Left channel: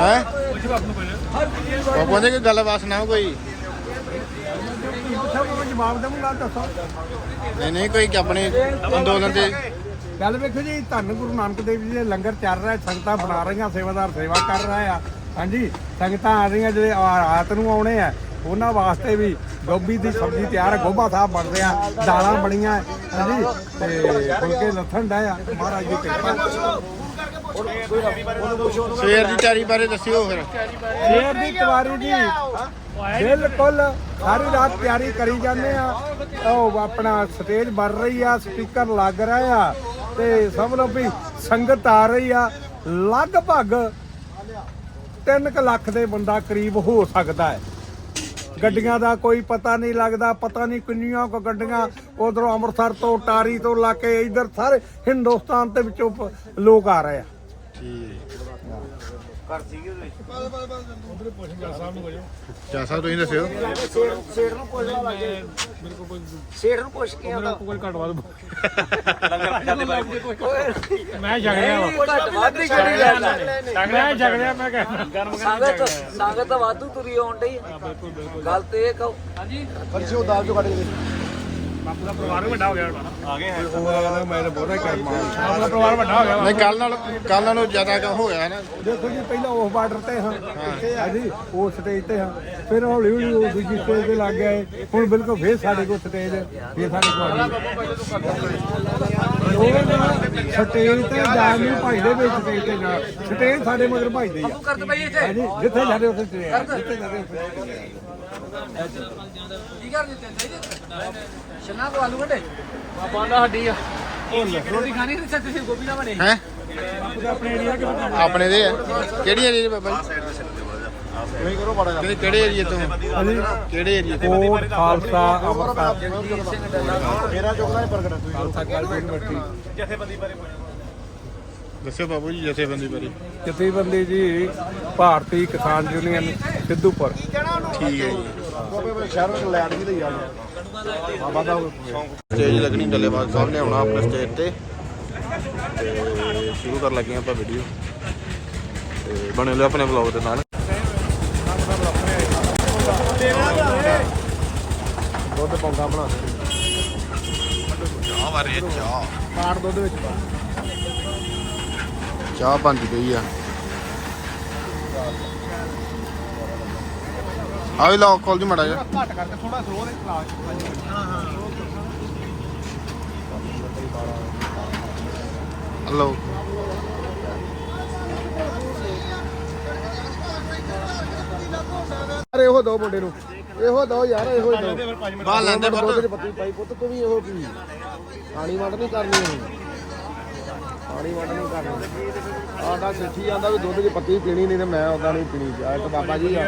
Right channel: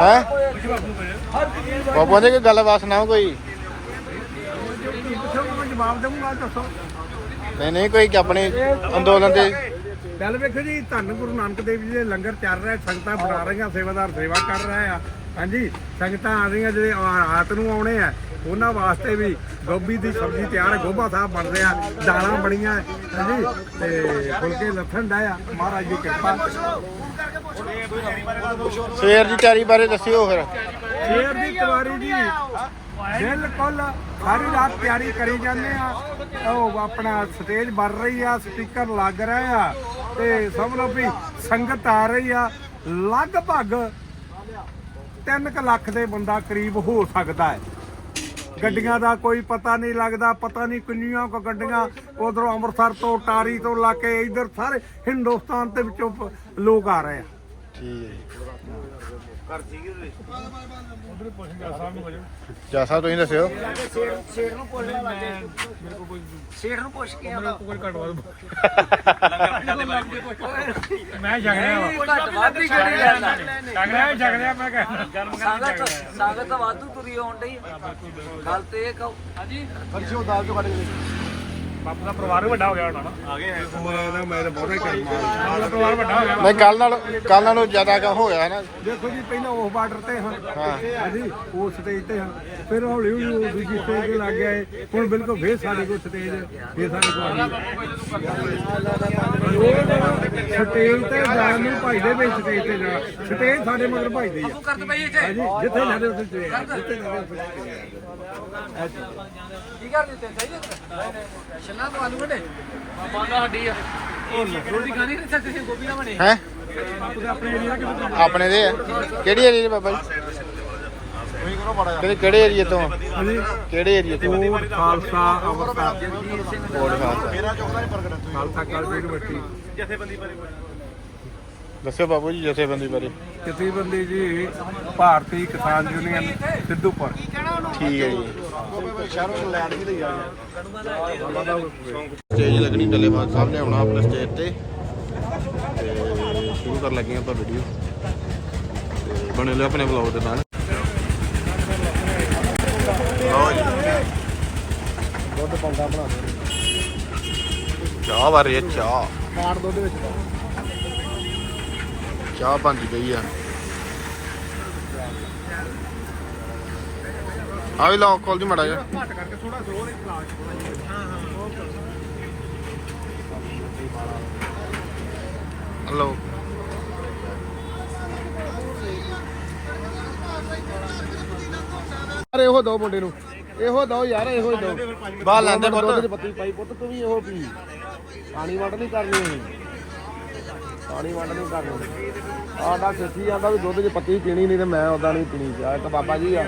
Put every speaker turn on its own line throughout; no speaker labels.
ਹੈ? ਬਾਬੂ ਨੇ ਕੋਈ ਗੱਲਬਾਤ ਸੁਣਾਓ ਕੋਈ?
ਜਵਾਬ ਦੇਵਾਂਗਾ ਦੱਸੋ
ਨਹੀਂ ਨਹੀਂ, ਕੋਈ ਆਪਣੇ ਅੰਦੋਲਨ ਦੇ
ਗੱਲ ਵੇਖੋ ਜੀ, ਧੰਨ ਗੁਰੂ ਨਾਨਕ ਦੇਵ ਜੀ ਦੇ ਲੰਗਰ ਚੱਲ ਰਿਹਾ, ਸੰਗਤਾਂ ਬਣਾ ਰਹੀਆਂ, ਸੇਵਾਦਾਰ ਸੇਵਾ ਕਰ ਰਹੇ ਆ। ਹਾਂਜੀ, ਸੰਗਤਾਂ ਆ ਰਹੀਆਂ ਜਿਹੜੇ ਆ- ਰਾਤ ਨੂੰ ਆਉਣੇ ਆ। ਉਹਨਾਂ ਵਾਸਤੇ ਵੀ ਗੋਭੀ ਦੀ ਸਬਜ਼ੀ ਤਿਆਰ ਗੋਭਾ ਸਾਹਿਬ ਬਣ ਰਿਹਾ ਦਾਲਾਂ ਬਣੀਆਂ ਹਾਂਜੀ ਤੇ ਫੁਲਕੇ ਲੱਥਣ ਦਾ ਆ। ਮਹਾਰਾਜ ਦੀ ਕਿਰਪਾ।
ਸਵੇਰ ਦੀ ਤਿਆਰੀ ਬਾਰੇ ਦੱਸਿਓ ਫਿਰ।
ਸ਼ੇਰ ਦੀ ਤਿਵਾਰੀ ਜੀ ਬਿਲਕੁਲ ਸਾਰੀ ਰਾਤ ਤਿਆਰੀ ਕਰੀ ਜਾਂਦੇ ਆ। ਉਹ ਆਪਣਾ ਸਟੇਜ ਬਣ ਰਹੀ ਆ ਸਪੀਕਰ ਲੱਗ ਰਿਹਾ ਆ ਤੇ ਸਭ ਲੋ ਵੀ ਸੰਗਤ ਆ ਰਹੀ ਆ। ਲਗਭਗ 3 ਲੱਖ ਦੇ ਬੰਦਾ ਕਰੀਬ ਹੋ ਸਕਦਾ ਹੈ। ਗੱਡੀਆਂ ਦਾ ਕੋਈ ਪਤਾ ਨਹੀਂ ਲੱਗਦਾ ਪਤਾ ਨਹੀਂ ਕਿੰਨੀਆਂ ਕੋ ਗੱਡੀਆਂ ਉਧਰੋਂ ਅੰਮ੍ਰਿਤਸਰ ਤੋਂ ਟਾਰੀ ਤੋਂ ਲਾ ਕੇ ਇਧਰ ਸਾਰੇ ਹਿੰਦੁਸਤਾਨ ਦੇ ਵਿੱਚੋਂ ਲੋਕ ਆ ਰਹੇ ਆ।
ਠੀਕ ਹੈ ਜਾ। ਸਾਹਿਬ ਤੁਸੀਂ ਦੱਸਿਓ।
ਸ਼ੇਰ ਨੂੰ ਪੁੱਛ ਲਾ ਲੱਗੇ ਮੇਰੇ ਕੋਲ ਕੋਈ ਸ਼ੇਰ ਨੂੰ ਪੁੱਛ ਕੇ ਆਉਂਦਾ।
ਕੋਈ ਘੱਟ ਵੱਧ
ਮੈਂ ਜਗ ਰਿਹਾ ਘੱਟ ਵੱਧ ਹੀ ਜਿਹੜੀ ਲੈਣਾ
ਮੈਂ ਜਗ ਰਿਹਾ ਮੈਂ ਕਹਿੰਦਾ
ਸੰਗਤ ਸੰਗਤ ਤਾਂ ਵਾਧੂ ਤੁਰੀ ਆਉਣ ਡਈ। ਗੱਲ ਤੇ ਇਹ ਕਹੋ। ਹਾਂਜੀ।
ਕਲਸੀ ਦਾਲ ਚੋਂ ਕੱਢ ਕੇ
ਆਪਣਾ ਪਰਿਵਾਰ ਵੱਡਾ ਹੋ ਗਿਆ ਆ ਗਏ ਉਹ ਕਹਿੰਦਾ ਮੈਂ ਤਾਂ ਬਹੁਤਾ ਹੀ ਕਰਮਾ ਆਪਣਾ ਪਰਿਵਾਰ ਵੱਡਾ ਹੋ ਗਿਆ।
ਨਹੀਂ ਕੱਲ ਨਾਲ ਕੱਲ ਨਾਲੋਂ ਜ਼ਿਆਦਾ ਕੰਮ ਹੋ ਗਿਆ ਨਾ।
ਦੇਖੋ ਜੀ ਪਹਿਲਾਂ ਉਸ ਬਾਰਡਰ ਤੇ ਹਾਂ।
ਹਾਂ।
ਹਾਂਜੀ ਉਸ ਸਟੇਜ ਤੇ ਹਾਂ। ਫਿਰ ਹੌਲੀ ਹੌਲੀ ਉਹ ਦੂਜੀ ਸਟੇਜ ਤੇ ਲੱਗ ਗਏ ਹੁਣ ਬਿਲਕੁਲ ਫੇਰ ਸਾਡੇ ਕੋਲ ਸਟੇਜ ਫੇਰ ਸਾਡੇ ਕੋਲ ਆ ਗਈ। ਲੋਕ ਸਟੇਜ ਤੇ ਜਾਣ ਨੂੰ ਭਾਈਦੇ ਵਿੱਚ ਸਟੇਜ ਤੇ ਜਾ ਸਟੇਜ ਸਾਡੇ ਮਗਰ ਭਾਈਦੇ ਆ। ਹਾਂਜੀ ਜਿੱਥੇ ਜਾਂਦੇ ਉੱਥੇ ਸਟੇਜ ਜਿੱਥੇ ਜਾਂਦੇ ਉੱਥੇ।
ਕੀ ਕਰ ਦਿੱਤੇ? ਚਾਹੀਦੇ ਸ਼ਿਮਲਾ ਤੋਂ ਆਲੂ ਵੱਡੇ। ਬਾਬਾ ਦਾ ਹੱਡੀ ਆ। ਰੋਟੀ ਖਾਣੀ ਤੇ ਤੁਸੀਂ ਗੋਭੀ ਨਾ? ਬਣੇ
ਹੈ?
ਬਾਪੂ ਦੇ ਆਪਣੇ
ਦੇ ਆ। ਕਿਹੜੀ ਏਰੀਆ ਦੇ ਬਾਬਾ ਜੀ? ਤੁਸੀਂ ਕਰੋ ਬੜਾ ਕਿਹੜੇ ਕਿਹੜੇ ਏਰੀਆ ਤੋਂ?
ਹਾਂਜੀ।
ਕਿਹੜੇ ਏਰੀਆ ਤੋਂ?
ਕੋਟ ਖਾਲਸਾ ਅੰਮ੍ਰਿਤਸਰ।
ਕੋਟ ਖਾਲਸਾ
ਮੇਰਾ ਨਹੀਂ ਪ੍ਰਗਟ ਖਾਲਸਾ ਕਾਲਜ ਯੂਨੀਵਰਸਿਟੀ।
ਦੱਸਿਓ ਬਾਬੂ ਜੀ ਜਥੇਬੰਦੀ ਬਾਰੇ।
ਜਥੇਬੰਦੀ ਜੀ ਭਾਰਤੀ ਕਿਸਾਨ ਯੂਨੀਅਨ ਸਿੱਧੂਪੁਰ।
ਠੀਕ ਹੈ ਜੀ। ਸਟੇਜ ਲੱਗਣੀ ਡੱਲੇਵਾਲ ਸਾਹਿਬ ਨੇ ਆਉਣਾ ਆਪਣੇ ਸਟੇਜ ਤੇ। ਤੇ ਸ਼ੁਰੂ ਕਰਨ ਲੱਗੇ ਆਪਾਂ ਵੀਡੀਓ ਤੇ ਬਣੇ ਲਿਓ ਆਪਣੇ ਵਲੌਗ ਦੇ ਨਾਲ।
ਦੁੱਧ ਪੌਂਦਾ ਬਣਾ ਦੇ।
ਚਾਹ ਹੈ ਚਾਹ।
ਕਾੜ ਦੁੱਧ ਵਿੱਚ ਪਾ।
ਚਾਹ ਬਣਦੀ ਪਈ ਆ। ਆਵੇ ਲਓ ਖੋਲ ਦੀ ਮੜਾ ਜਾ
ਘੱਟ ਕਰਕੇ ਥੋੜਾ ਸਲੋ ਦੇ ਚਲਾ
ਹਲੋ
ਯਾਰ ਇਹੋ ਦੋ ਮੁੰਡੇ ਨੂੰ। ਇਹੋ ਦੋ ਯਾਰ ਇਹੋ ਦੋ।
ਬਾਹਰ ਲੈਂਦੇ ਪੁੱਤ।
ਪੱਤੀ ਪਾਈ ਪੁੱਤ ਤੂੰ ਵੀ ਇਹੋ ਪੀ ਪਾਣੀ ਵੰਡ ਨਹੀਂ ਕਰਨੀ। ਹੁਣ ਪਾਣੀ ਵੰਡ ਨਹੀਂ ਕਰਨੀ। ਆਡਾ ਚਿੱਠੀ ਜਾਂਦਾ ਵੀ ਦੁੱਧ ਦੀ ਪੱਤੀ ਪੀਣੀ ਨਹੀਂ ਤੇ ਮੈਂ ਉਦਾਂ ਨਹੀਂ ਪੀਣੀ। ਚਾਹ ਇੱਕ ਬਾਬਾ ਜੀ ਆ।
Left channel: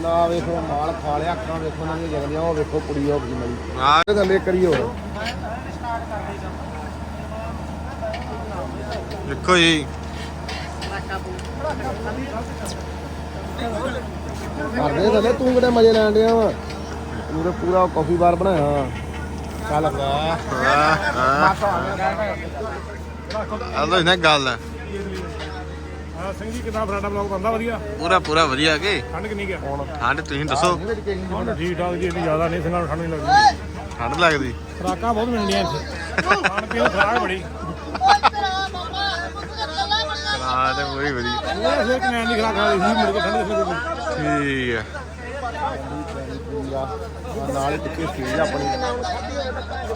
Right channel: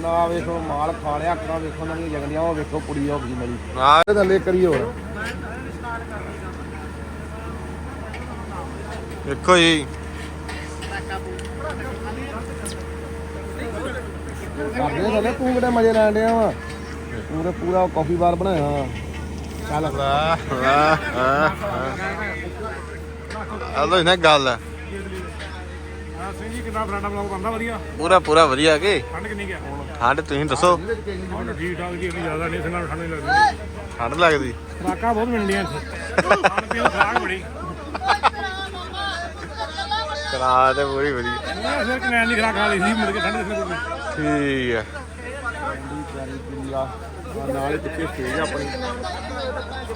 ਨਾ ਵੇਖੋ ਮਾਲ ਖਾ ਲਿਆ ਅੱਖਾਂ ਵੇਖੋ ਨਾ ਜਗਲੀਆਂ ਉਹ ਵੇਖੋ ਕੁੜੀ ਹੋ ਗਈ ਮਲੀ।
ਆ
ਇਹ ਥੱਲੇ ਕਰੀਓ।
ਦੇਖੋ ਜੀ।
ਕਰਦੇ ਥੱਲੇ ਤੂੰ ਕਿਹੜੇ ਮਜ਼ੇ ਲੈਣ ਡਿਆ ਵਾ? ਤੇ ਪੂਰਾ ਕਾਫੀ ਬਾਰ ਬਣਾਇਆ। ਚੱਲ।
ਵਾਹ ਵਾਹ ਵਾਹ। ਆਲੋ ਨਾ ਗੱਲ। ਆ।
ਹਾਂ ਸਿੰਘ ਜੀ ਕਿੰਨਾ ਫਰਾਡਾ ਬਲੌਗ ਬੰਦਾ ਵਧੀਆ?
ਪੂਰਾ ਪੂਰਾ ਵਧੀਆ ਕੇ?
ਠੰਡ ਕਿੰਨੀ ਗਿਆ
ਠੰਡ ਤੁਸੀਂ ਦੱਸੋ।
ਹੁਣ ਜੀ ਠਾਕ ਜੀ ਇੰਨੀ ਜ਼ਿਆਦਾ ਨਹੀਂ ਇਸ ਨਾਲ ਠੰਡ ਨਹੀਂ ਲੱਗਦੀ।
ਠੰਡ ਲੱਗਦੀ?
ਖਰਾਕਾਂ ਬਹੁਤ ਮਿਲਦੀਆਂ ਇੱਥੇ। ਖਾਣ ਪੀਣ ਖਰਾਕ ਬੜੀ
ਕਰਾ ਤੇ ਪੂਰੀ ਵਧੀਆ।
ਉਹ ਫਿਰ ਕਨੈਨ ਦੀ ਖਰਾਕ ਵਾਲੀ ਸੀ ਮੁੜ ਕੇ ਠੰਡ ਦੇ ਫਿਰ
ਠੀਕ ਹੈ
ਨਾਲ ਹੀ ਟਿੱਕੇ ਸੀ ਆਪਣੀ।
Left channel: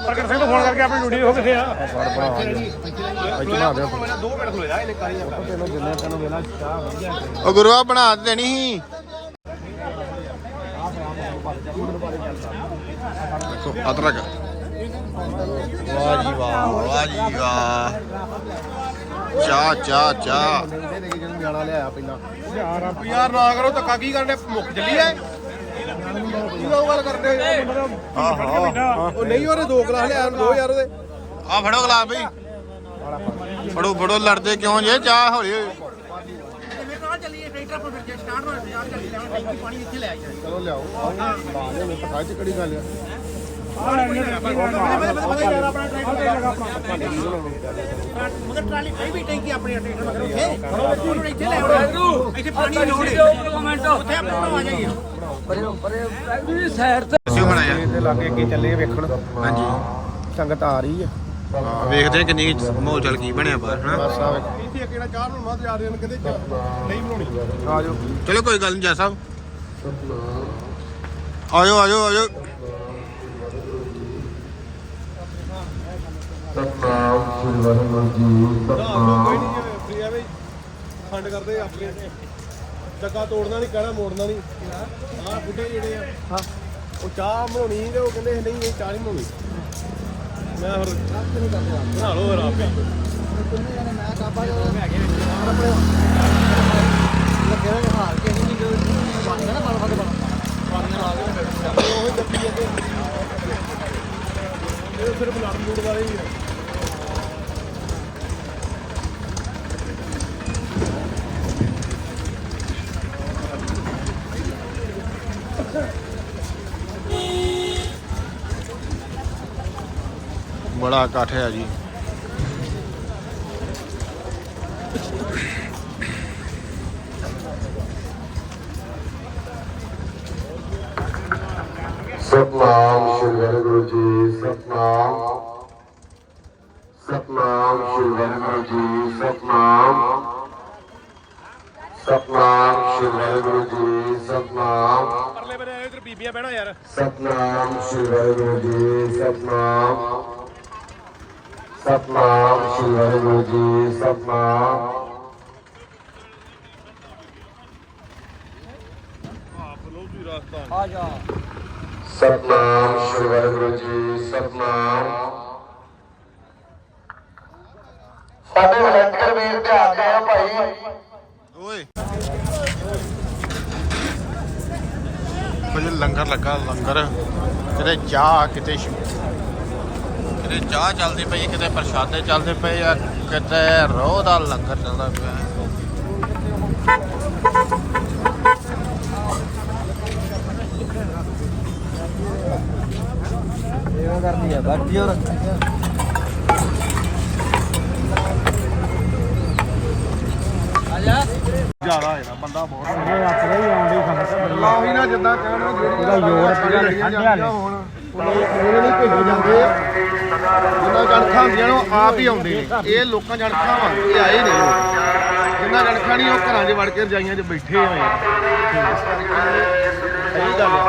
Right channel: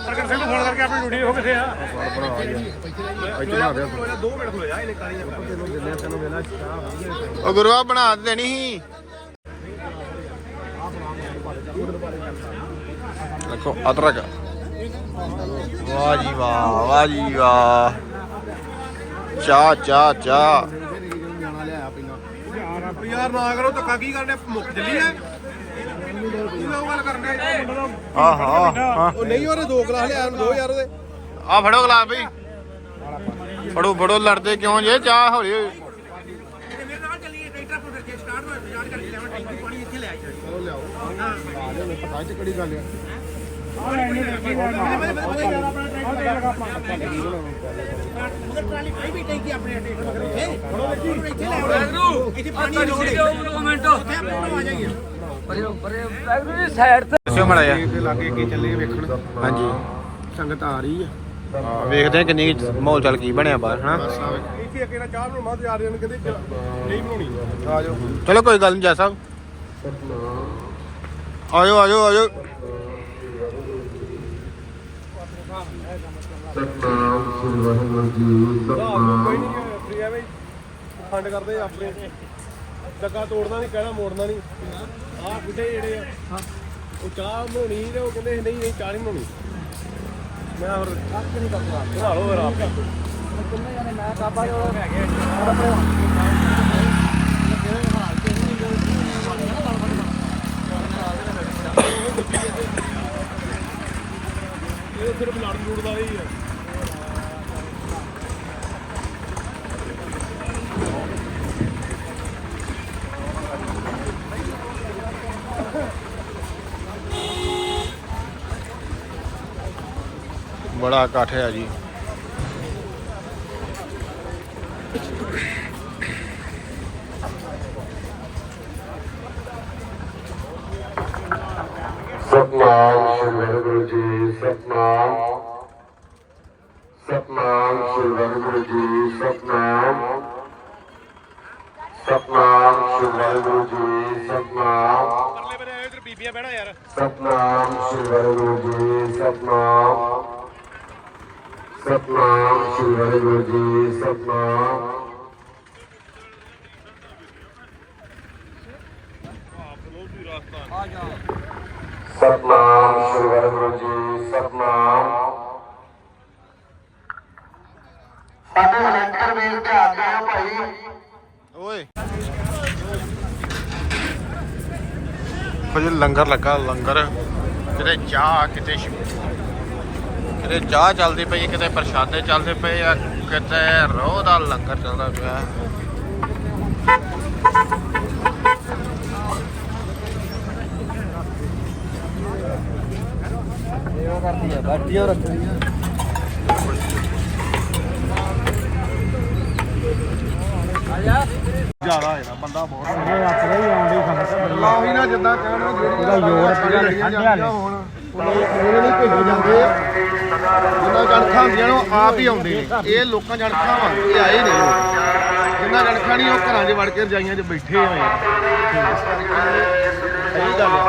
ਪ੍ਰਗਟ ਸਿੰਘ ਨੂੰ ਫੋਨ ਕਰਕੇ ਆਪਣੀ ਡਿਊਟੀ ਹੋ ਕਿੱਥੇ ਆ। ਇੱਥੇ ਆ ਗਿਆ 2 ਮਿੰਟ ਹੋ ਜਾ ਇਹਨੇ ਕਾਰੀ ਤੈਨੂੰ ਦਿੰਨੇ ਤੈਨੂੰ ਵੇਲਾ ਚਾਹ ਵਧੀਆ
ਉਹ ਗੁਰੂਆ ਬਣਾ ਦੇਣੀ ਸੀ। ਦੇਖੋ ਅਦਰਕ। ਵਾਹ ਜੀ ਵਾਹ ਵਾਹ ਜੀ ਵਾਹ। ਚਾਹ ਚਾਹ ਚਾਹ।
ਨਿਆਣਾ ਲਿਆਇਆ ਪਹਿਲਾਂ। ਯਾਰ ਆ
ਯਾਰ ਨਾ ਕਰੋ ਧੱਕਾ ਕੀ ਕਰਨੇ ਮੁੱਕ ਜੱਲੀ ਐ।
ਆਹਾ
ਉਹ ਨਹੀਂ ਉਹਨੇ ਦੋ ਗਲਾਸ ਲਿਆ ਦੋ ਯਾਰ ਉਹਦੇ
ਆ ਫੜੋ ਗਲਾਸ ਬਈ। ਫੜੋ ਫੜੋ ਲੜਦੇ ਕਿਉਂ ਜੇ? ਚਾਹ ਹੌਲੀ ਹੌਲੀ
ਚਲੋ ਲਿਆਓ। ਲਾ ਦੇ ਮੈਂ ਪਤਾ ਚ ਕਿਹੜੀ ਗੱਲ ਆ।
ਮਗਰ ਟਰਾਲੀ ਪਈ ਵੀ ਟੈਂਕੀ ਆਪਣੇ ਟਰੈਕਟਰ ਮਗਰ ਉੱਥੇ। ਉਹਨੂੰ ਇੱਥੇ ਲੈ ਆਉਣਾ ਇੱਥੇ ਪਾਣੀ ਦੀ ਲੋੜ ਹੈ ਉੱਥੇ ਆਪਣੇ ਆ ਜਾਈਏ।
ਦੱਸਿਓ ਮਾੜਾ ਜਿਹਾ
ਇਹਦੇ ਲਾਗੇ ਕੀ ਚੱਲੇ ਵੇਖਣ।
ਹਾਂਜੀ।
ਸੰਗਤ ਆ ਰਹੀ ਆ।
ਹਾਂ ਵੇਖਦੇ ਆ ਕਿੰਨੀ ਮਾਹੌਲ ਚੱਲ ਕੀ ਬਣਿਆ ਬਾਹਰ ਹਨਾ?
ਇੱਥੇ ਕਿਹੜਾ ਚਾਹ ਨੂੰ ਮੱਝ ਆ ਰਹੇ ਨੇ ਕਹਿੰਦੇ ਨਹੀਂ ਬਣਾਉਣੀ।
ਆਜੋ
ਚਲੋ ਕੋਈ ਗੱਲ ਨਹੀਂ ਜਾ ਸਾਹਿਬ। ਆਜੋ ਆਜੋ ਆਜੋ
ਫੰਡ ਕਰਦੇ ਆਪਣੀਆਂ ਤੇ ਲੱਗਾ ਤੋੜਨਾ ਨਹੀਂ ਕਹਿਣਾ ਮੋੜਨਾ ਨਹੀਂ ਆਹ ਬੁੱਢੇ ਜਿਹੜੇ ਆ ਉਹ ਚਾਹ ਬਣਾਉਣੀ ਤੇ ਉਹ ਕਹਿੰਦੇ ਨਹੀਂ ਇਹ ਚਾਹ ਨਹੀਂ ਬਣਾਉਣੀ ਮੈਂ ਫਿਰ ਕੱਪ ਨਹੀਂ ਕਰਦਾ ਬਣਾ ਲਓ ਫਿਰ ਆਪ ਉਹ ਜੱਪੀ ਜਾਂਦੇ ਇਹ ਸਿਰਫ ਲੜਨ ਲੂੜ ਵਾਲੇ ਹੀ ਆ।
ਬੜਾ ਇਕੱਠ ਹੈ ਜੀ
ਸਤਨਾਮ ਸ੍ਰੀ ਵਾਹਿਗੁਰੂ ਜੀ ਸਤਨਾਮ ਸਤਨਾਮ ਸ੍ਰੀ ਵਾਹਿਗੁਰੂ ਜੀ ਸਤਨਾਮ ਸਤਨਾਮ ਸ੍ਰੀ ਵਾਹਿਗੁਰੂ ਜੀ ਸਤਨਾਮ
ਪਰਲੇ ਬਰੇ ਆਏ ਤੇ ਬੀਬੀਆਂ ਬਹਿਣਾ ਯਾਰ
ਸਤਨਾਮ ਸ੍ਰੀ ਵਾਹਿਗੁਰੂ ਜੀ ਸਤਨਾਮ ਸਤਨਾਮ ਸ੍ਰੀ ਵਾਹਿਗੁਰੂ ਜੀ ਸਤਨਾਮ। ਸਤਨਾਮ ਸ੍ਰੀ ਵਾਹਿਗੁਰੂ ਜੀ ਸਤਨਾਮ। ਸਾਡੇ ਵਲੰਟੀਅਰ ਵੀਰ ਧਿਆਨ ਦਿਓ ਭਾਈ।
ਓਏ। ਕੁਝ ਲੰਗਰ ਲੱਗਾ ਲੰਗਰ। ਕਿਤੇ ਚਾਹ ਕਿਤੇ ਸ਼- ਕਿਤੇ ਚਾਹ ਚੱਲਦੀ ਪਈ ਕਿਤੇ ਪ੍ਰਸ਼ਾਦੇ ਚੱਲਦੇ ਪਏ ਆ ਕਿਤੇ ਰੋਹ ਦਾ ਲੰਗਰ ਚੱਲਦਾ ਪਿਆ।
ਕਰਦੀ ਆ ਬੈਠੀ ਹੋ ਰੱਖੀ ਆ
ਜ਼ਿਆਦਾ ਹੈ ਬੰਦਾ ਬਹੁਤ ਇਹ ਆਪਣੇ ਹੀ ਆਉਂਦੇ ਸੰਗਤ ਲਾਹੀ ਨਾ ਜਿੱਦਾਂ ਕਹਿਣਾ ਜਿਹੜੀ ਇਹਦਾ ਯੋਰ ਜਾਂਦੀਆਂ ਹੁਣ ਉਹਨੇ ਨਹੀਂ ਭੇਜੀ ਜਾਂਦੇ
ਜਿੰਨਾ ਜਣਖਾਂ ਹੁੰਦੀਆਂ ਨੇ ਉਹ ਆਪ ਹੀ ਆਉਂਦੇ ਨੇ। ਇਹ ਲੋਕਾਂ ਜਣਖਾਂ ਵਾ ਇਹ ਆਏ ਨਹੀਂ ਲੋਕ ਜਿੰਨਾ ਜਣਖਾਂ ਨਹੀਂ ਉਹ ਘਰਾਂ 'ਚ ਵੜ ਕੇ ਰਜਾਈਆਂ 'ਚ ਬੈਠੇ ਹੋਏ ਆ ਸਹੀ ਗੱਲ ਹੈ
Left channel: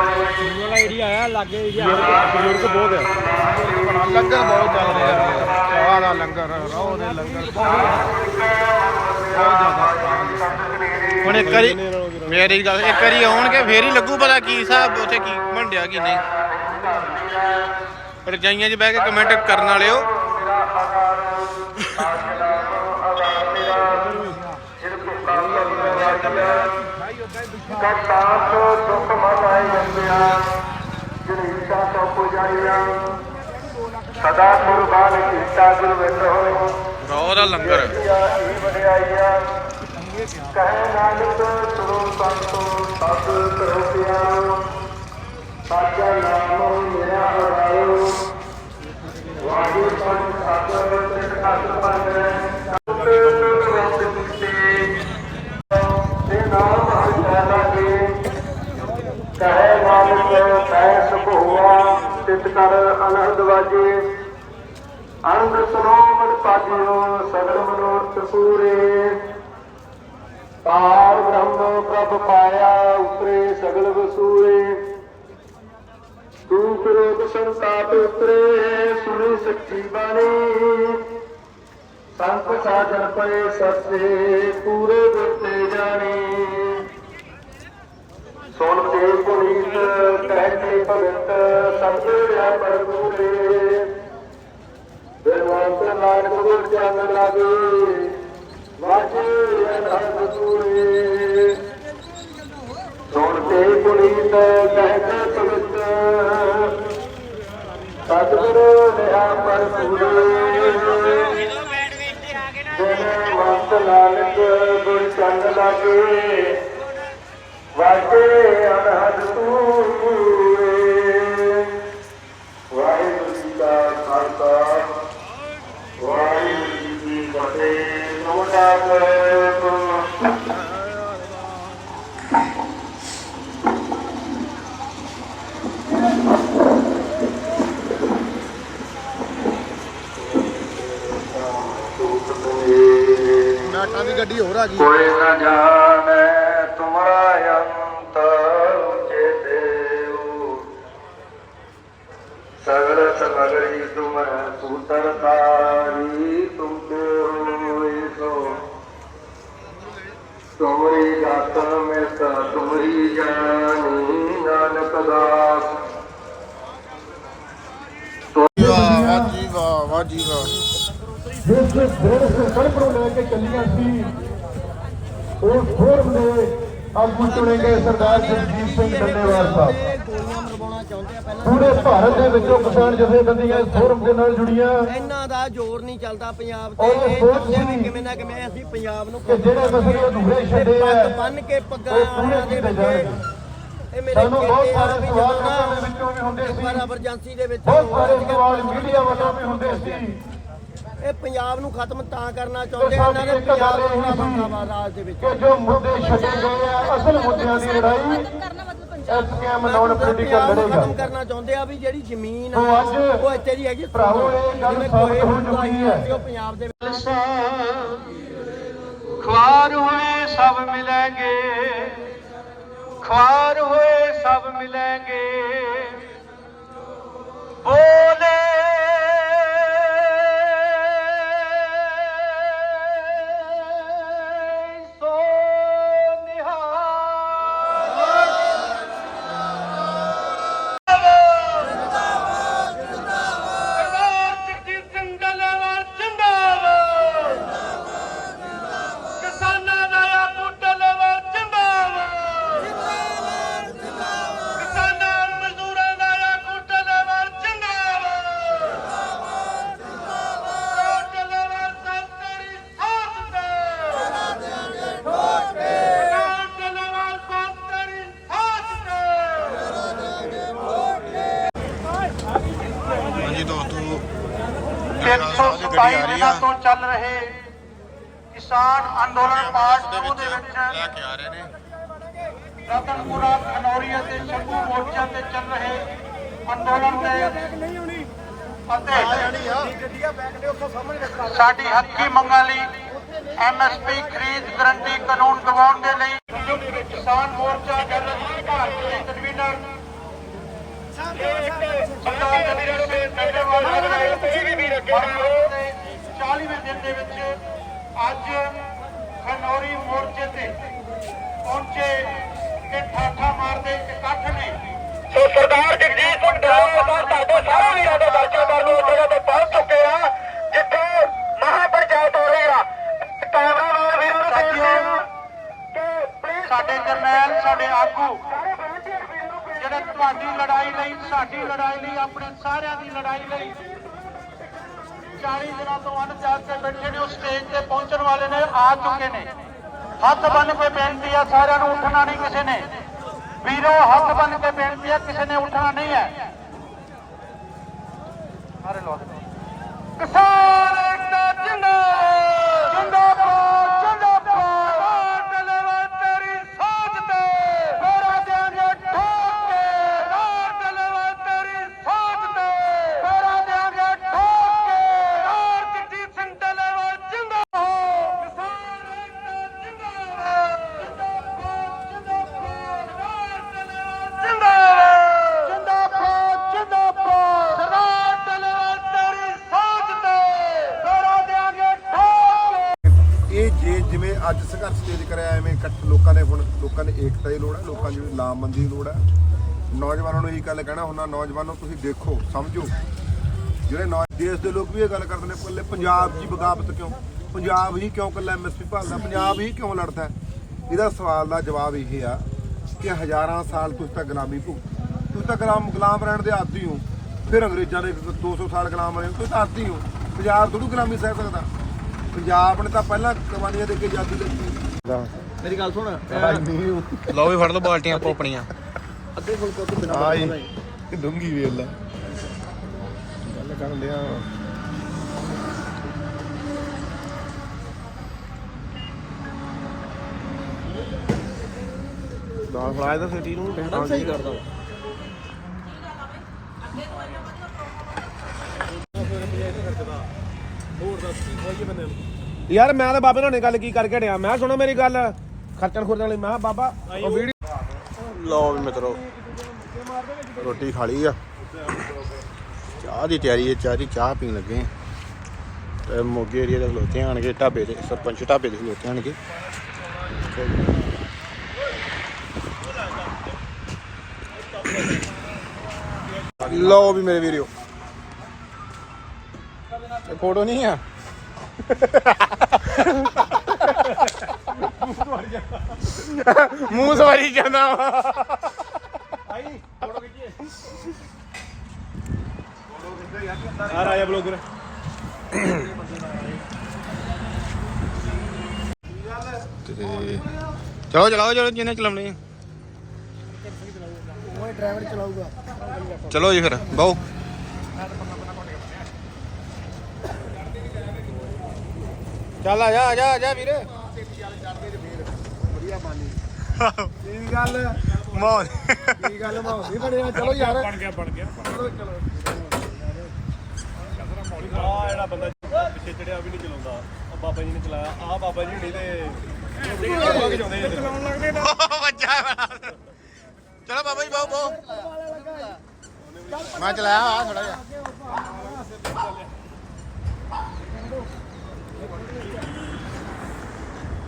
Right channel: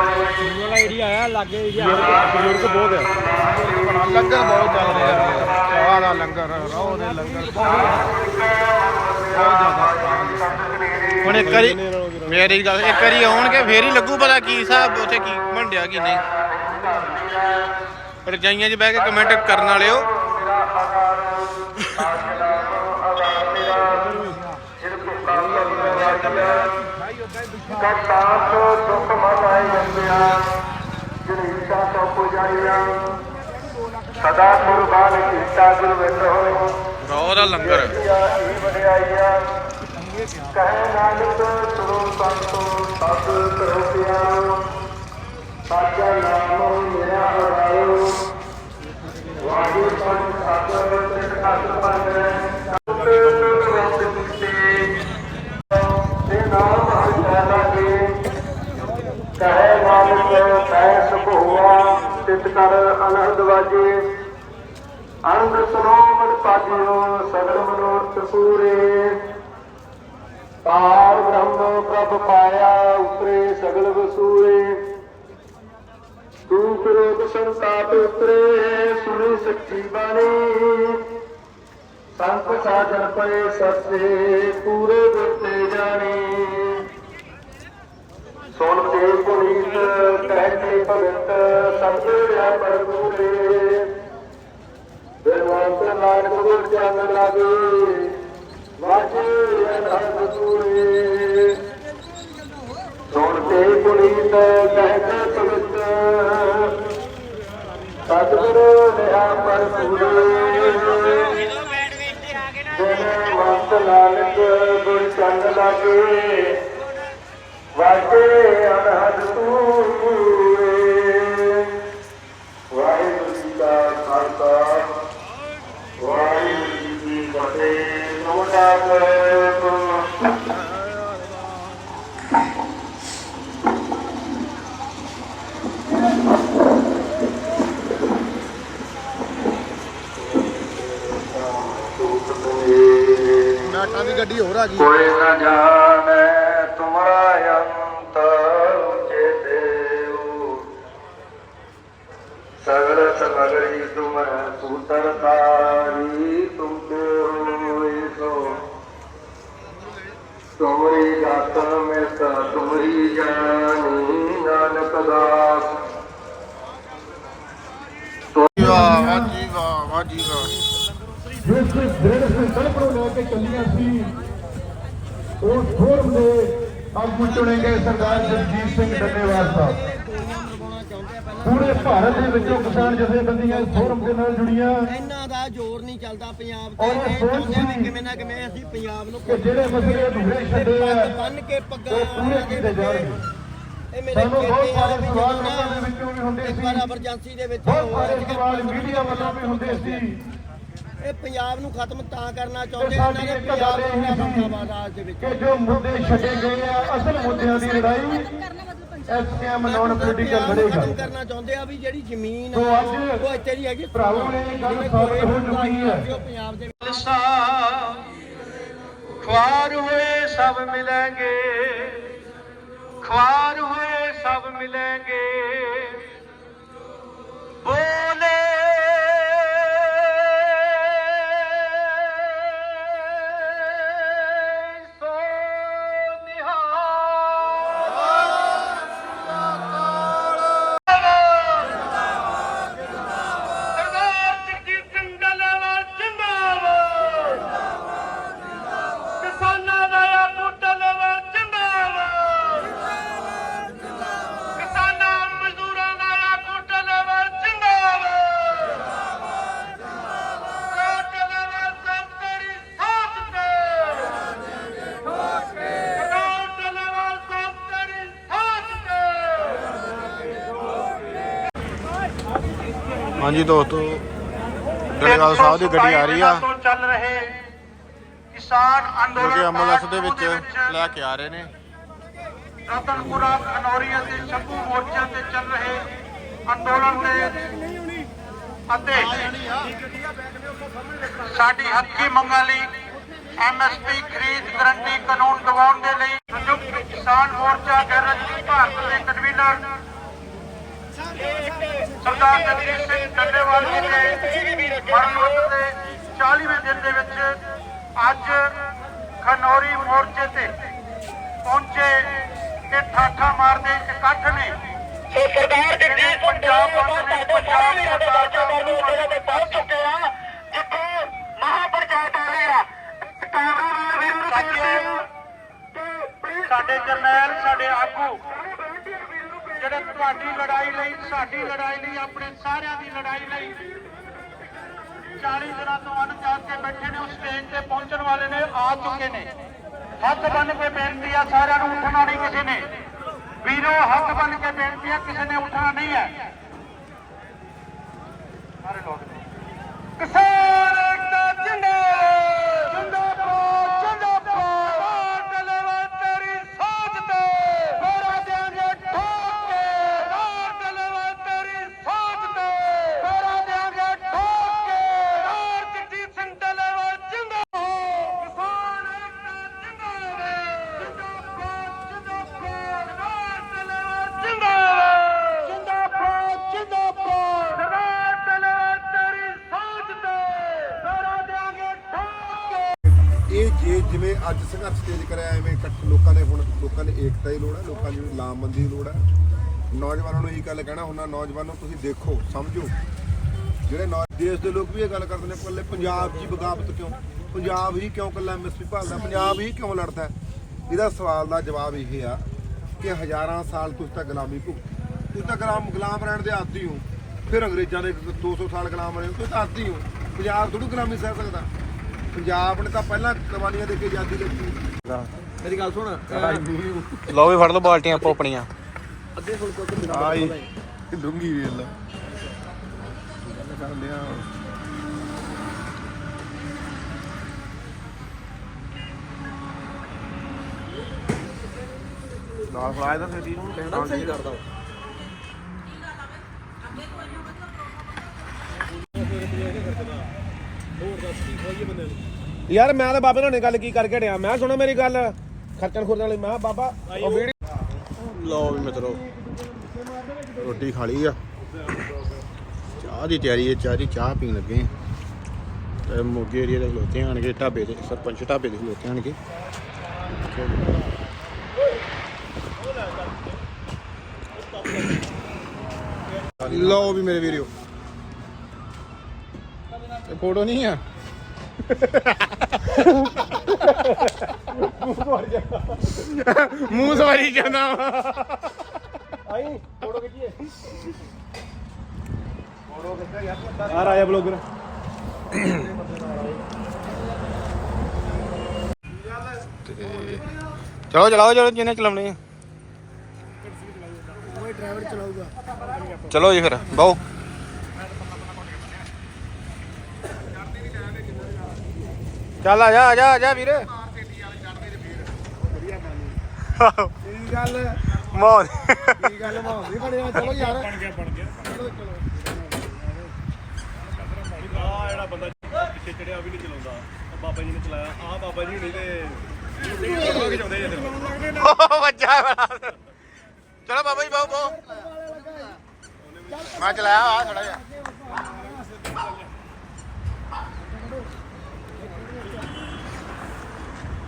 ਵਾਲਾ ਏਰੀਆ ਆਇਆ ਲਾਗੇ ਬਜ਼ੁਰਗ ਬਹੁਤ ਆ।
ਲੰਗਰ ਬਹੁਤ ਚੱਲ ਰਿਹਾ ਹੈ। ਚਾਹ ਦਾ ਲੰਗਰ ਰੋਹ ਦੇ ਲੰਗਰ। ਬਹੁਤ ਬਹੁਤ ਜ਼ਿਆਦਾ
ਹੁਣ ਇੱਕ ਵਾਰੀ ਮੇਰੀ ਗੱਲ ਇੱਕ ਵਾਰੀ ਆਉਣਗੇ ਫੇਰ ਹੀ ਲੱਗੂ ਪਤਾ ਕੀ ਹਿਸਾਬ ਉੱਥੇ ਕੀ ਮੰਡਿਆ ਕੀ ਨਹੀਂ। ਰਜਾਈਆਂ 'ਚ ਬਹਿ ਕੇ ਕਮੈਂਟ ਕਰਨ ਵਾਲਿਓ।
ਕਰਤਾਰ ਤੋਂ ਦੁੱਖ ਮਨ ਆਏ ਜੰਮਿਆ ਜਿਹੜੀ ਇੱਛਾ ਤੋਂ ਪੁਜਾਈਆਂ ਸਦਾ ਕੁਰਬਾਨ ਕੀਤਾ ਗੁਰ ਵਿਟੋ
ਰੋਹ ਦਾ ਲੰਗਰ।
ਇਹ ਵਡਿਆਈਆਂ ਕਹੇ ਨਾਨਕ ਸੁਣੋ ਸੰਤੋ ਸਭ ਕਰੋ ਪਿਆਰ। ਸਾਚਾ ਨਾਮ ਮੇਰਾ ਹਰਾਇਓ ਵਾਹਿਗੁਰੂ ਸੰਤ ਸਾਗਰ ਤੇ ਅਸ ਪੰਨ ਤੇ ਨਾਮ ਕਹੇ ਨਾਨਕ ਕਹੇ ਤਿਤ ਕਰ ਅਨੰਦ ਵਾਜੇ। ਅਨੰਦ ਸੁਨੋ ਪਾਜਿਓ ਸਗਲ ਮਨੋਰਥ ਸੂਰੇ। ਪਾਰ ਬ੍ਰਹਮ ਪ੍ਰਭ ਪਾਇਆ, ਉਤਰੇ ਸਗਲ ਵਸੂਰੇ। ਤੂੰ ਕਰੋਗ ਸੰਤਾਪ ਉਤਰੇ ਸੁਣੀ ਸੱਚੀ ਬਾਣੀ। ਸੰਤ ਸਾਜਨ ਪਏ ਸੱਚੇ, ਪੂਰੇ ਗੁਰਤੇ ਜਾਣੀ। ਸੁਣ ਤੇ ਪੁਨੀਤ, ਕਹਿ ਭਗਤ ਸਤਿਗੁਰਿਆ ਪਰਪੂਰੇ ਬਿਰਵਾਂਤ ਨਾਨਕ ਗੁਰ ਚਰਨ ਲਾਗੇ, ਵਾਜੇ ਅਨਹਦ ਸੂਰੇ ਸੁਣ ਕੇ ਪੁਨੀਤ, ਕਹਿ ਭਗਤ ਸਤਿਗੁਰੂ ਰਿਹਾ ਪਰ ਪੂਰੇ ਜਿਨ ਵੰਤ ਨਾਨਕ ਗੁਰ ਚੰਦ ਲਾਗੇ। ਵਾਜੇ ਅਨਹਦ ਤੂਏ
ਵਾਹਿਗੁਰੂ ਜੀ ਕਾ ਖਾਲਸਾ। ਉਹਦਾ ਜੀ
ਕੋਈ ਨਾ ਜਾਣੇ ਤੁਮਰਾ ਅੰਤ ਜੇ ਦੇਉ ਸਗਲ ਸਗਲੀ ਤੁਮ ਸੂਤਰ ਤਾਰੀ ਤੁਮ ਤੇ ਹੋਏ ਸੋ। ਤੁਮਰੀ ਗਤ ਮੈਂ ਤਾ ਤੁਮਰੀ ਜਾਨੀ ਨਾਨਕ ਦਾਸ।
ਵਾਹ ਜੀ ਵਾਹ ਵਾਹ ਜੀ ਵਾਹ।
ਜਿਸ ਦਿਨ ਸੰਕਲਪ ਨੂੰ ਲੈ ਕੇ ਚੱਲੀਆਂ ਸੀ ਉਹ ਫੋਰਮ ਦੇ ਆਗੂ ਚੁਣੇ ਗਏ ਸਰਦਾਰ ਜਗਜੀਤ ਸਿੰਘ ਡੱਲੇਵਾਲ ਸਾਹਿਬ ਪੂਰੇ ਭਾਰਤ ਦੇ ਵਿੱਚੋਂ ਕਿਸਾਨ ਜਥੇਬੰਦੀਆਂ ਇਸ ਫੋਰਮ ਦੇ ਨਾਲ ਜੁੜੀਆਂ।
ਇਹਨਾਂ ਦਾ ਜ਼ੋਰ ਨਹੀਂ ਚੱਲਦਾ ਪੰਜਾਬ ਤੇ। ਇਹ ਚਾਹੁੰਦੇ ਵੀ ਕਿਵੇਂ ਨਾ ਕਿਵੇਂ ਅਸੀਂ ਪੰਜਾਬ ਨੂੰ
ਕਿ ਜਿਹੜੇ ਮਸਲੇ ਅਧੂਰੇ ਛੱਡੇ
ਪੱਗ
ਆ
ਬੰਨ ਕੇ ਪੱਗਾਂ ਦੇ
ਕੀਤੇ
ਵਿੱਚ ਇਹ ਮੇਰੇ ਆ
ਸਾਰੇ
ਵੀ ਜਦੋਂ ਨਾ ਇੱਕ ਵਾਰ ਐਮਰਜੈਂਸੀ ਦੇ ਵਿੱਚ
ਸਾਰੇ
ਅੱਜ ਕੱਲ੍ਹ ਪੱਗ
ਮੀਡੀਆ ਵੱਲੋਂ ਵੀ ਹੁੰਦੇ ਸੀ।
ਇਹ ਪੰਜਾਬ ਨੂੰ ਖਤਮ ਤਾਂ ਕਰਨਾ ਚਾਹੁੰਦੇ ਇਹਨਾਂ ਦੇ ਪੰਜਾਬ ਨੂੰ
ਹੋਣਾ
ਬਣਦਾ ਵਾ ਦੇ ਵਿੱਚ।
ਜੋ ਮੁੱਦੇ ਛੱਡੇ ਗਏ ਆ ਅਸਲ ਮੁੱਦਿਆਂ ਦੀ ਲੜਾਈ ਐਸਕੇਐਮ ਨਾਨ ਪੋਲੀਟੀਕਲ
ਲੜਾਈ ਖਤਮ ਕਰਨਾ ਚਾਹੁੰਦੇ ਆ ਵੀ ਜਿਹੜੀ ਜ਼ਮੀਨ ਆ ਉਹ ਇੱਥੇ ਦੀ ਹੈਗੀ
ਭਰਾਵੋ ਇਹ ਗੱਲ ਸਾਬਤ ਹੋ ਚੁੱਕੀ ਹੈ।
ਉਹ ਪੰਜਾਬ ਦੇ
ਖਵਾਰ ਹੋਏ ਸਭ ਮਿਲਾਂਗੇ ਖਵਾਰ ਹੋਏ ਸਭ ਮਿਲੇ
ਹਾਂਜੀ ਦੋਸਤੋ ਡੜੇਵਾਲ ਸਾਹਿਬ ਦੀ ਗੱਡੀ ਆ ਰਹੀ ਆ।
ਤੋਂ ਚੱਲ ਰਹੇ ਕਿਸਾਨ ਅੰਦੋਲਨ
ਦੇ ਵਿੱਚ ਲੈ ਕੇ ਆ ਰਹੇ ਨੇ।
ਰਤਨਪੁਰਾ ਖਨੌਰੀ ਅਤੇ ਸ਼ੰਭੂ ਮੋਰਚਿਆਂ ਤੇ ਚੱਲ ਰਹੇ ਅੰਦੋਲਨ ਦੇ ਅਤੇ ਸਾਡੀ ਹੱਕੀ ਮੰਗਾਂ ਲਈ ਐਮਐਸਪੀ ਖਰੀਦ ਗਰੰਟੀ ਕਾਨੂੰਨ ਦਿਵਾਉਣ ਦੇ ਲਈ ਸੰਯੁਕਤ ਕਿਸਾਨ ਮੋਰਚਾ ਗੈਰਜ ਭਾਰਤ ਦੇ ਕਨਵੀਨਰ ਸਰਦਾਰ ਜਗਦੀਸ਼ ਸਿੰਘ ਡੱਲੇਵਾਲ ਜੀ ਦੇ ਮਰਨ ਦੇ 40ਵੇਂ ਦਿਨ ਦੇ ਵਿੱਚ ਅੱਜ ਖਨੌਰੀ ਮੋਰਚੇ ਤੇ ਪਹੁੰਚੇ ਤੇ ਠਾਠਾ ਮਾਰਦੇ ਇਕੱਠ ਨੇ ਸੋ ਸਰਦਾਰ ਜਗਜੀਤ ਸਿੰਘ ਡੱਲੇਵਾਲ ਤੁਹਾਡੇ ਸਾਰੇ ਵੀਰਾਂ ਦੇ ਦਰਸ਼ਨ ਕਰਨ ਨੂੰ ਜਗ੍ਹਾ ਤੇ ਪਹੁੰਚ ਚੁੱਕੇ ਆ ਜਿੱਥੇ ਮਹਾਪੰਚਾਇਤ ਹੋ ਰਹੀ। ਆ ਕਾਂਗਰਸ ਵੀਰਾਂ ਨੂੰ ਬੇਨਤੀ ਆ। ਕਿ ਸਾਡੇ ਜਰਨੈਲ ਸਾਡੇ ਆਗੂ ਤੁਹਾਡੀ ਲੜਾਈ ਲਈ, ਸਾਡੀ ਲੜਾਈ ਲਈ, ਆਪਣੇ ਸਾਰਿਆਂ ਦੀ ਲੜਾਈ ਲਈ। 40 ਦਿਨਾਂ ਤੋਂ ਅੰਨ ਕੇ ਬੈਠੇ ਨੇ ਉਸ ਸਟੇਜ ਤੇ ਪਹੁੰਚਣ ਵਾਲੇ ਨੇ, ਆ ਚੁੱਕੇ ਨੇ। ਹੱਥ ਬੰਨ ਕੇ ਬੇਨਤੀ ਆ, ਸਾਰਿਆਂ ਨੂੰ ਉੱਠਣਾ ਨਹੀਂ ਕਿਸੇ ਨੇ। ਵੀਰੋ, ਹੱਥ ਬੰਨ ਕੇ ਬੇਨਤੀ ਆ, ਕਿਸੇ ਨੇ ਉੱਠਣਾ ਨਹੀਂ ਹੈ। ਸਾਰੇ ਲੋਕ ਕਿਸਾਨ
ਅੱਜ ਸੰਘਰਸ਼ ਤੇਜ ਕਰਿਆ ਐਵੇਂ ਇਕੱਠ ਲੋਕਾਂ ਨੇ ਹੁਣ ਲੋਕਾਂ ਦੀ ਏਕਤਾ ਦੀ ਲੋੜ ਹੈ ਲੋਕਾਂ ਦੀ ਲਾਮਬੰਦੀ ਦੀ ਲੋੜ ਹੈ। ਨੌਜਵਾਨਾਂ ਨੂੰ ਇਹ ਗੱਲ ਕਹਿਣਾ ਹੁੰਦਾ ਨੌਜਵਾਨੋ ਤੁਸੀਂ ਦੇਖੋ ਸਮਝੋ। ਜਿਹੜੇ ਨੌ ਦੇਸ਼ ਦੇ ਲੋਕ ਵੀ ਇਹ ਗੱਲ ਕਰਦੇ ਨੇ ਕੱਲੇ ਪੰਜਾਬ ਦੀ ਬਗਾਵਤ ਕਿਉਂ? ਪੰਜਾਬ ਹੀ ਕਿਉਂ ਕੱਲਾ ਐਮਐਸਪੀ ਭਾਲਦਾ ਪੰਜਾਬ ਹੀ ਕਿਉਂ ਲੜਦਾ? ਇਹਦਾ ਸਵਾਲ ਦਾ ਜਵਾਬ ਇਹ ਆ ਕਿ ਹਜ਼ਾਰਾਂ ਸਾਲ ਤੁਸੀਂ ਤਾਂ ਗੁਲਾਮੀ ਭੁਗਤ। ਤੁਸੀਂ ਤਾਂ ਗੁਲਾਮ ਗੁਲਾਮ ਰਹਿਣ ਦੇ ਆਦੀ ਹੋ। ਫਿਰ ਅੰਗਰੇਜ਼ਾਂ ਦੇ 200 ਸਾਲ ਗੁਲਾਮ ਰਹੇ ਹੋ, ਤੁਸੀਂ ਤਾਂ ਆਦੀ ਹੋ। ਪੰਜਾਬ ਥੋੜੂ ਗੁਲਾਮੀ ਸਹਿ ਸਕਦਾ। ਪੰਜਾਬ ਨੇ ਤਾਂ ਪਹਿਲਾਂ ਕੁਰਬਾਨੀਆਂ ਦੇ ਕੇ ਆਜ਼ਾਦੀ ਦਿੱਤੀ
ਮੇਰੀ ਗੱਲ ਸੁਣ।
ਲਓ ਵੀ ਫੜ ਲਓ ਬਾਲਟੀਆਂ ਆਪੋ ਆਪਣੀਆਂ।
ਅੱਗੇ ਫੁਲਕਾ ਤੂੰ
ਆਈ ਡੂੰਗੀ ਵੇਲ ਦਾ ਕਰਨ ਲਿਆ ਦਾ ਸਿਟੀ ਨੂੰ
ਕਹਿਣਾ ਸਹੀ ਕਰਦਾ।
ਦੱਸ ਕੀ ਖਵਾਈਏ ਬੰਦੇ ਨੂੰ। ਯਾਰ ਮੈਂ ਤਾਂ ਬਾਬੇ ਨਾਲ ਨੇ ਗੱਲ ਕੀ ਕਰਕੇ ਹਟਿਆ ਮੈਂ ਕਿਹਾ ਸੁਣੋ ਮੇਰੀ ਗੱਲ। ਖਰਚਣ ਖੁਰਚਣ ਵਾਲੀ ਮੈਂ ਕਿਹਾ ਬਾਬਾ
ਲਓ ਵੀ ਮਿੱਤਰੋ ਰੋਟੀ ਖਾ ਲਈ ਆ। ਚਾਹ ਦੀ ਤਿਆਰੀ ਹੈ ਚਾਹ ਦੀ ਚਾਹ ਪੀਣ ਲੱਗੇ ਆ। ਤੇ ਮੋਗੇ ਏਰੀਆ ਦੇ ਖਲੋਤੇ ਆਣਗੇ ਢਾਬੇ ਤੇ ਸਰਪੰਚ ਢਾਬੇ ਦੇ ਖਲੋਤੇ ਆਣਗੇ। ਲਓ ਵੀ ਮੇਰੇ ਵੀਰੋ ਇਹ ਫੋਟੋ ਨਹੀਂ ਆ? ਮੂੰਹ ਸਵਾਰੀ ਜਾਂਦਾ ਵਾ।
ਆ ਰਾਜਾ ਬਲੌਗਰ।
ਤੇ ਚਲੋ ਚਲਾਓ ਚਲੋ ਜਿਹਨੇ ਚਲਾਉਣੀ ਆ।
ਉਹ ਡਰਾਈਵਰ ਚਲਾਊਗਾ।
ਚਲੋ ਜੀ ਫਿਰ ਬਹੁ। ਚੱਲ ਆ ਜਾ ਆ ਜਾ ਆ ਜਾ ਵੀਰੇ।
ਕੀ ਗੱਲ।
ਮੌਜ
ਕੀ ਗੱਲ ਮਾਹੌਲ ਨਹੀਂ ਬਣਿਆ। ਚਲੋ ਯਾਰ।
ਬਣ ਗਿਆ ਬਣ ਗਿਆ।
ਚਲੋ ਚਲੋ।
ਆ ਜਿਹੜਾ ਬੰਦਾ ਪਿੱਛੇ ਚੜਿਆ ਵੀ ਨਹੀਂ ਚਲਾਉਂਦਾ। ਉਹ ਬਾਬਾ ਜੀ ਨੇ ਚਲਾਇਆ। ਆ ਬਾਬਾ ਜੀ ਨਹੀਂ ਤੇ ਚਲਾਉਣ ਲੱਗਦੇ
ਵੱਜਾ ਬੜਾ ਚਲੋ ਬਾਬਾ ਜੀ ਬਹੁ ਬਹੁ ਮੈਂ ਚਲਾਇਆ ਆ ਥੋੜਾ ਜਿਹਾ।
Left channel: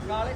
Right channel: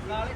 ਨਾਲੇ